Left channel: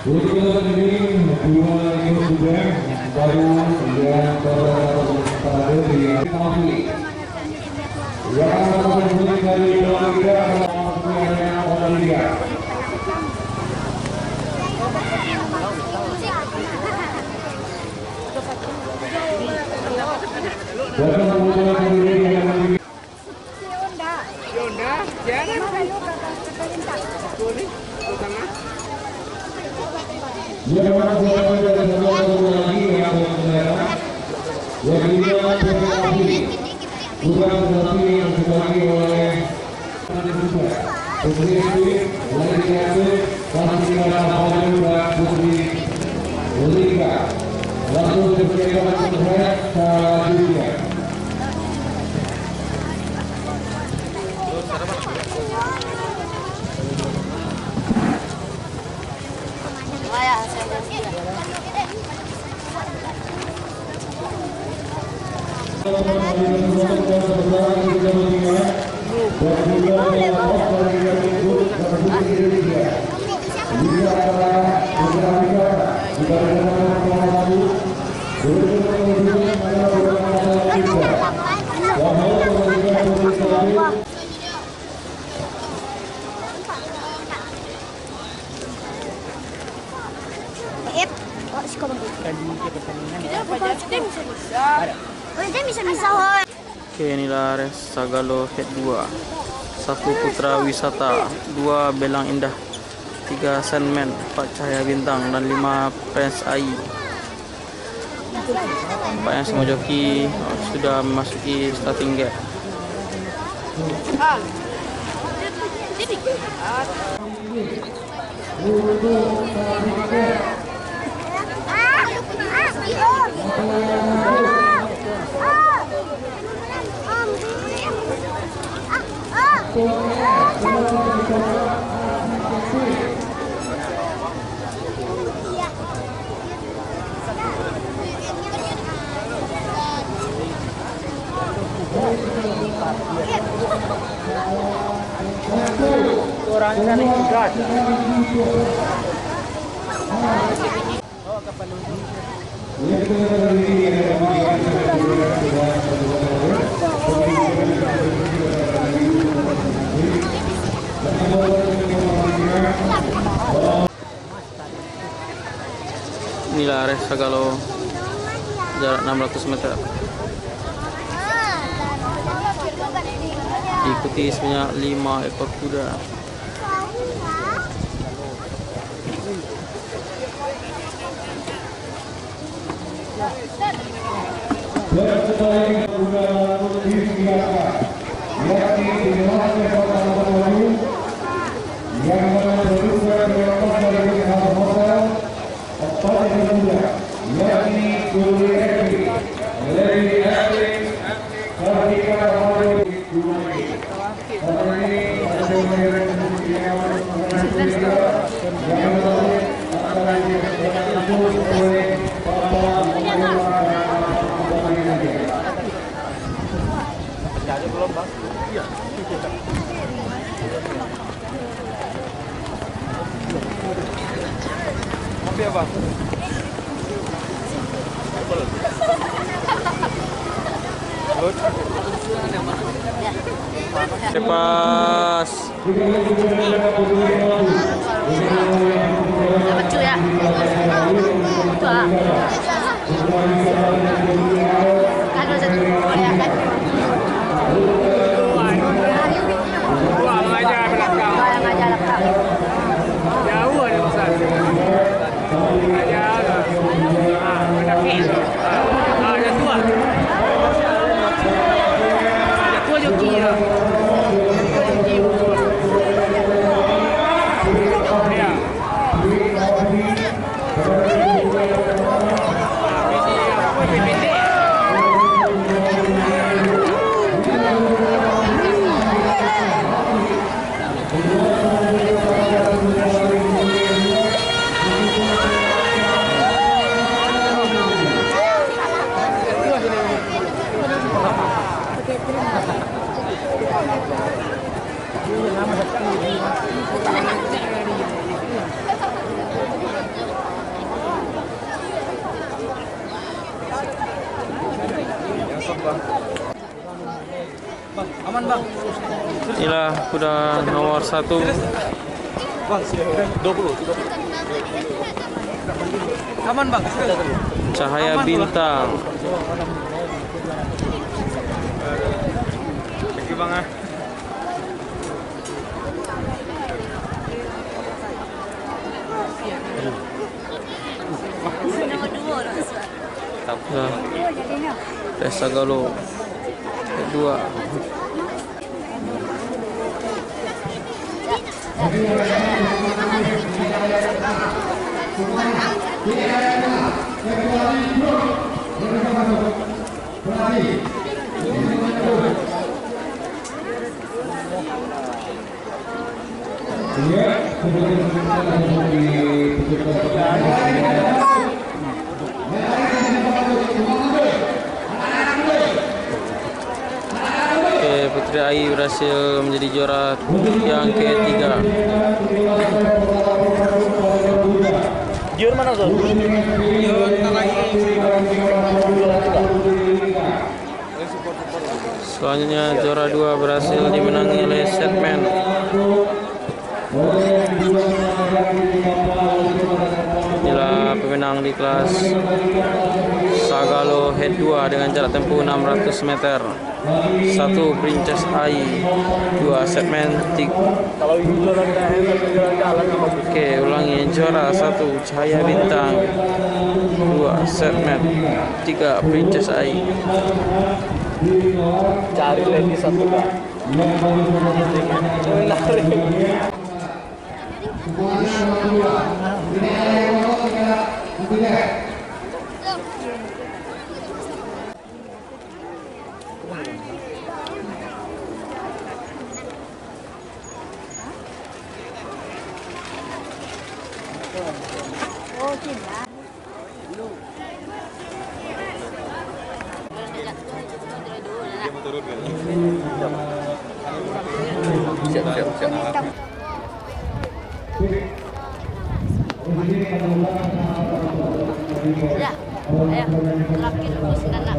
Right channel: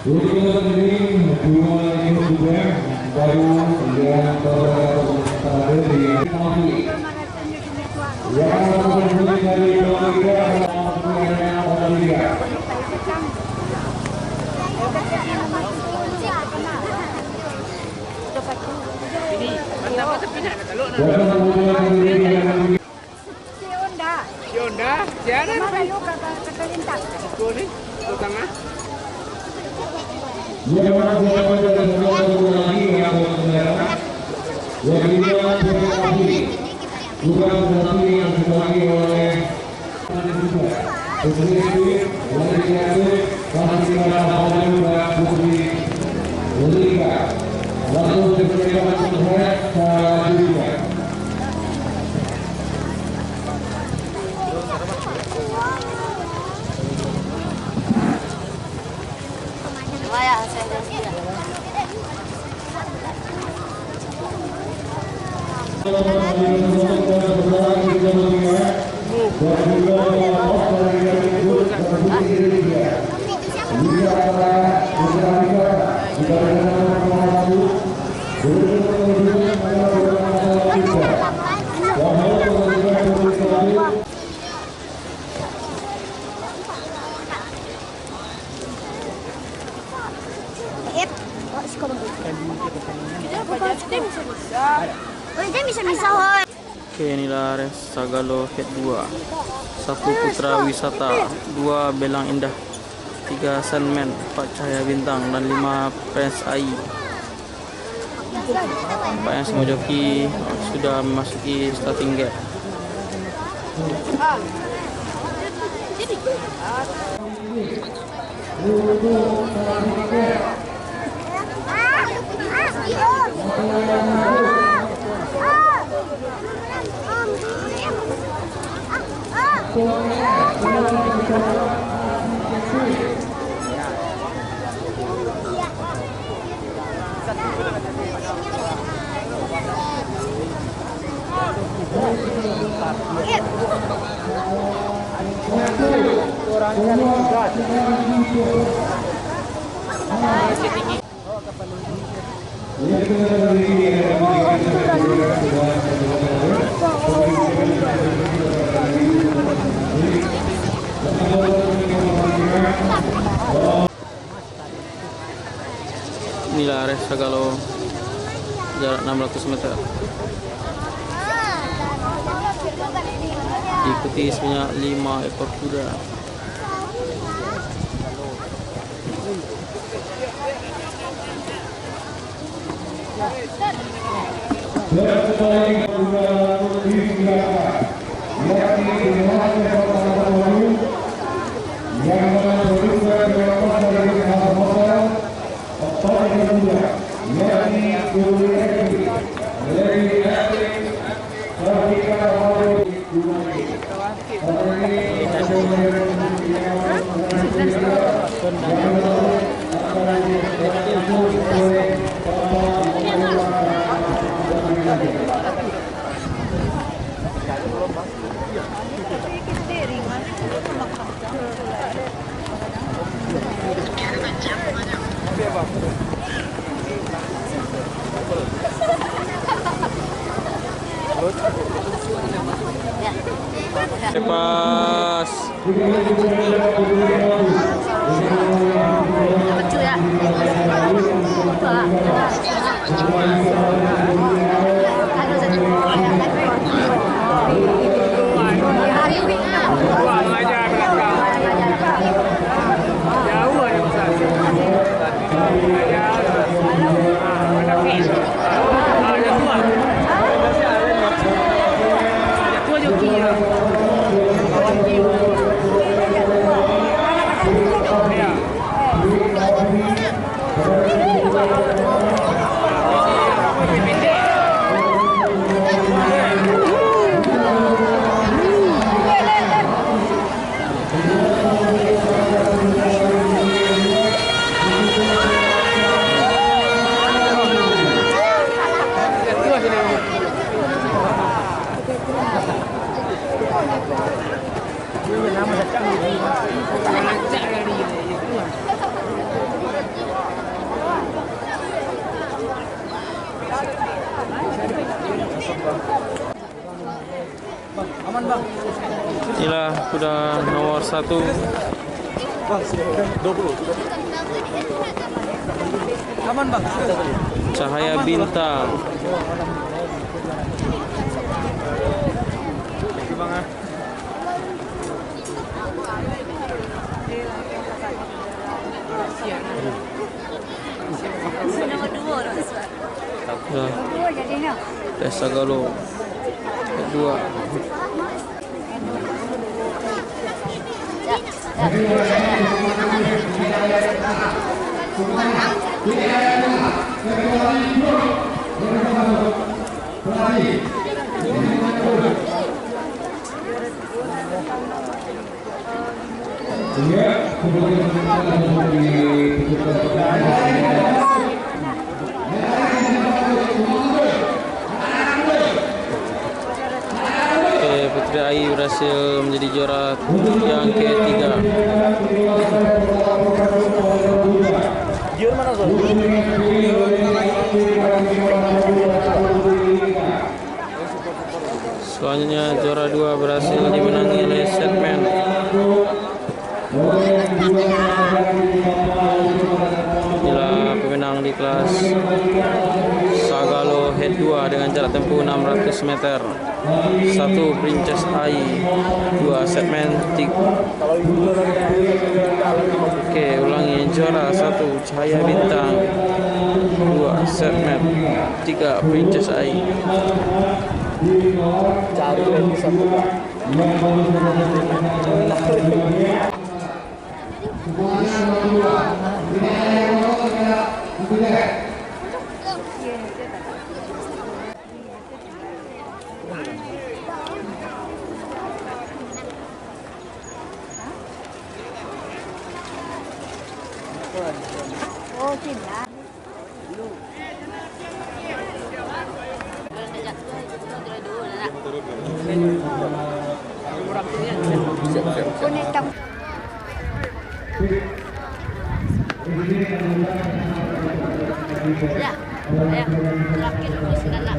Jadi kita sendiri dua ini sudah baru yang terakhir di Nafi. Yang terpenting dari Indonesia adalah Australia. Dan kemudian sendiri Yonda, jangan. Utama. yang mana dari satu lagi yang merah yang ini bukan berarti yang dibagi oleh Putri oleh diatur kasih pada juga Putri Lika langsung dipersilakan untuk selanjutnya. Oke, inilah res Sagalo Head 2. 1 Putra Wisata, 2 Belang Indah, 3 Sandman, 4 Cahaya Bintang, dan 5 Prince AI. 4 yang semua joki sudah memasuki starting gate. Inilah res Sagalo jarak 600 meter. Diikuti sebanyak 5 ekor kuda. Lepas. Lucu ya. Pendek. Inilah kuda nomor 1. Aman bang. Cahaya Bintang. Thank you bang ah. Nah, Desa Galuh kedua. Putri Ayu berhasil menjadi juara yang ketiga. Jur mana tuh? Selanjutnya juara 2 berhasil dimenangi oleh Setman. Inilah pemenang di kelas Sagalo Head 2 dengan jarak tempuh 600 meter. 1 Princess Ai, 2 Setman Tik. Oke, ulangi. Juara 1 Cahaya Bintang, 2 Setman, 3 Princess Ai. Cari lagi satu bang. Oh, cinta. Ya, ayo, laki terus galak.